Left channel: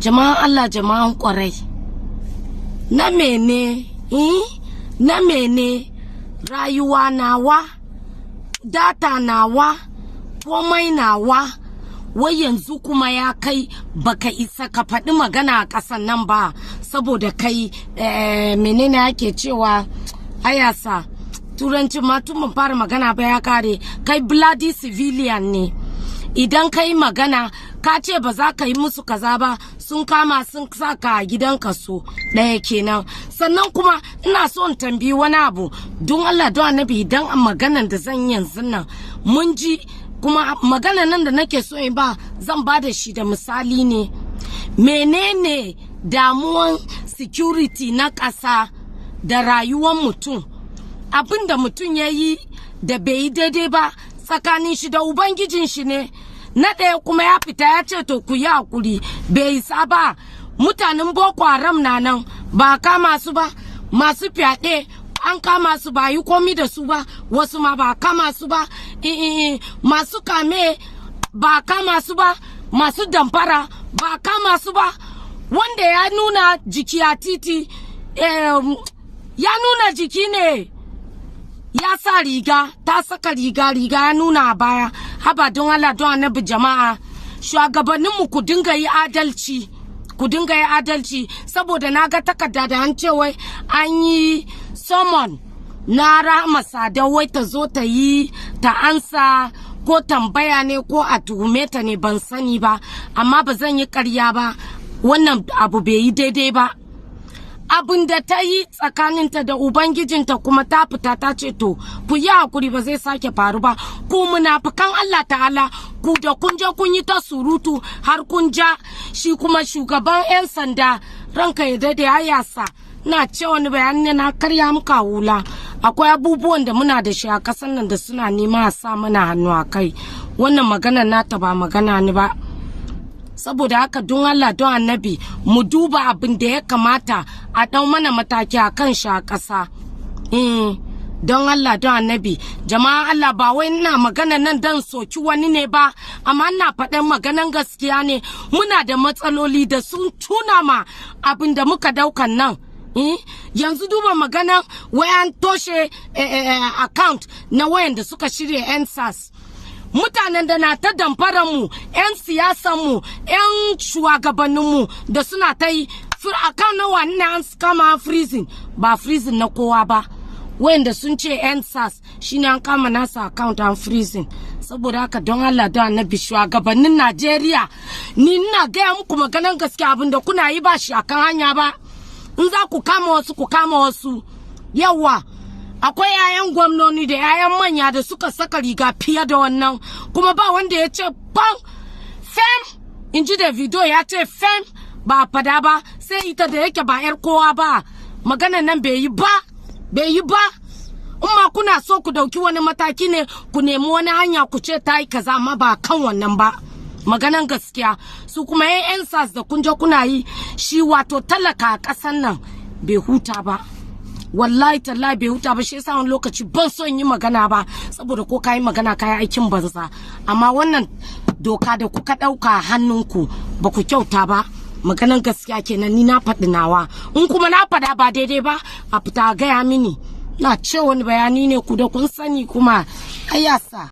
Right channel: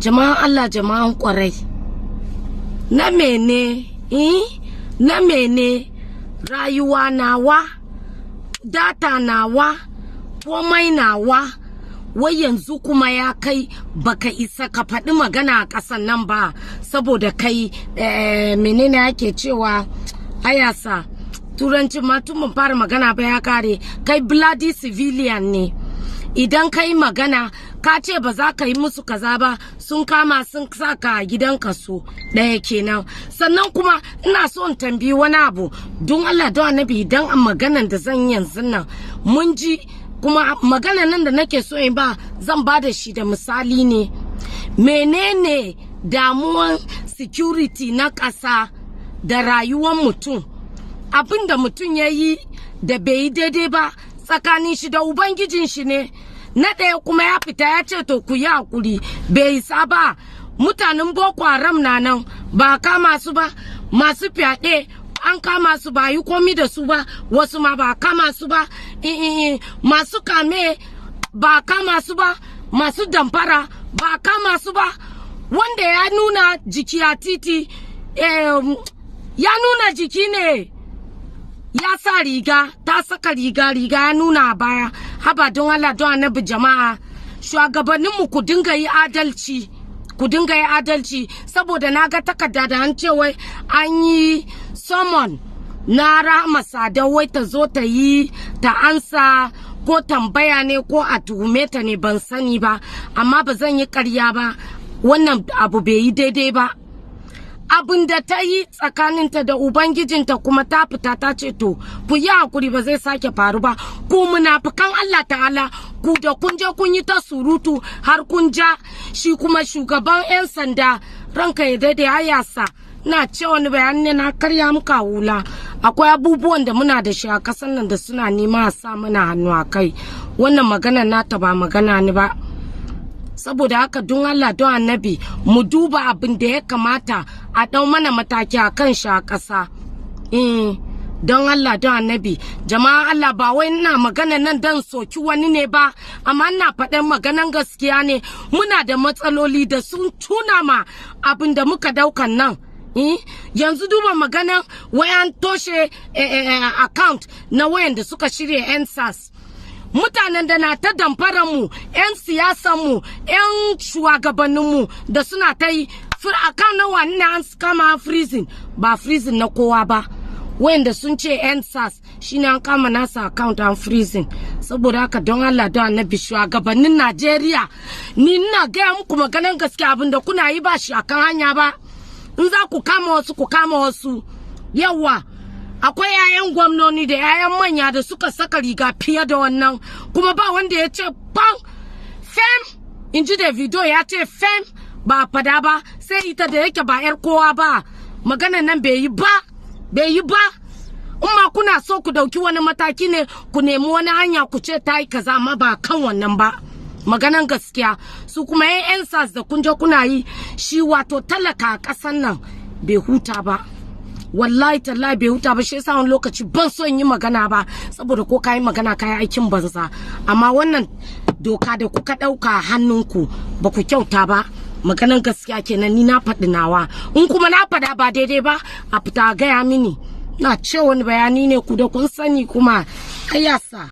jama'an Allah jama'an kwarai na mene na mene rayuwa nawa data nawa komai nawa wai yanzu kuma ya kai baka isa ka faɗi magana a ƙasan nan ba saboda kai menene ake cewa ayasa turanci ma tun mun fara magana ba ya kare kai bloody civilian ne idan kai magana ka ce ba za ka yi musu kaza ba sun kama sun saka gidan kaso ɗaya kenan sannan kuma ina so in tambayi wani abu don Allah don annabi idan a maganan da zan yanzu nan mun ji kuma magana nan da nake so in ba zan ba da shi da misali ne menene damuwan security na ƙasa da rayuwar mutum abin da mutum ya yi da bai yi daidai ba tsakanin shi da ubangijin shi ne na ɗaya kuma ya fita ya ce to ku yi hakuri bai isa ba mutanen boko haram na nan ba kama su ba masu fyaɗe an kama su ba yi komi da su ba wasu ma ba kama su ba masu kame ba kama su ba masu damfara ba kama su ba wanda ya nuna jiki a titi ya nuna jiki ne ya sa riga ta saka riga ya nuna a baya haba don Allah don annabi jama'a shugabanninmu ku dinga yi adalci saboda na ga takarda da an ce wai an yi summon na Rahama Sadau wai ta zo ta yi ta ansa ko tambaya ne ko a tuhume ta ne ban sani ba amma ba zan yi ƙarya ba wannan abu bai yi daidai ba abin da ta yi tsakaninta da ubangijinta kuma ta fita ta ce to ku yi hakuri ba zai sake faru ba ku munafikan Allah ta'ala ku da kun je kun yi ta surutu har kun ja shi kuma shugaban 'yan sanda ranka ya dade ayasa na ce wani bayani na karya muka hula akwai abubuwan da muna da shi a kasan nan da suna nema a sa mana hannu a kai wannan magana nata ba magana ni ba saboda haka don Allah don annabi mu duba abin da ya kamata a ɗau mana mataki a kan shi a ƙasa don Allah don annabi jama'a Allah ba wai ina magana nan dan soki wani ne ba amma ina faɗin maganan gaskiya ne muna da matsaloli da sun tuna ma abin da muka daukan nan yanzu duba magana wayan toshe account na wayan da suka shirya NSAS mutanen da na ta damfara mu 'yan siyasan mu 'yan shugabannin mu da suna ta yi akan na wani an kama freezing ba freezing na kowa ba wayanda sun ce NSAS shine an kama nasa account an freezing saboda haka don Allah don annabi shugabannin Najeriya ni ina gaya muku maganan gaskiya abinda kuna yi ba shi akan hanya ba in za ku kama wasu yawa akwai 'ya'yan gwamnoni da 'ya'yan manya da suka saka riga fiye da wannan kuma ba wanda ya ce ban fem Inji da video ya ce fem ba fada ba sai ita da yake ba 'yar kowa ba maganan nan bai yi ba ma kuna so ku dauki wani mataki ne ku nemi wani hanya ku ce ta yi kaza amma ba kan wannan ba maganan gaskiya su kuma 'yan sas da kun je kuna yi shi wato talaka a ƙasan nan bai huta ba wallahi tallahi bai huta ba shi yasa wani lokaci ban son yi magana ba saboda ko kayi magana kayi aikin banza amma wannan doka da kuka dauka hannunku ba ku kyauta ba maganan gaskiya kenan ni na faɗi nawa in kuma na faɗa ba daidai ba a fita gaya mini na ce wani bayani ne ku da kun sani kuma ayasa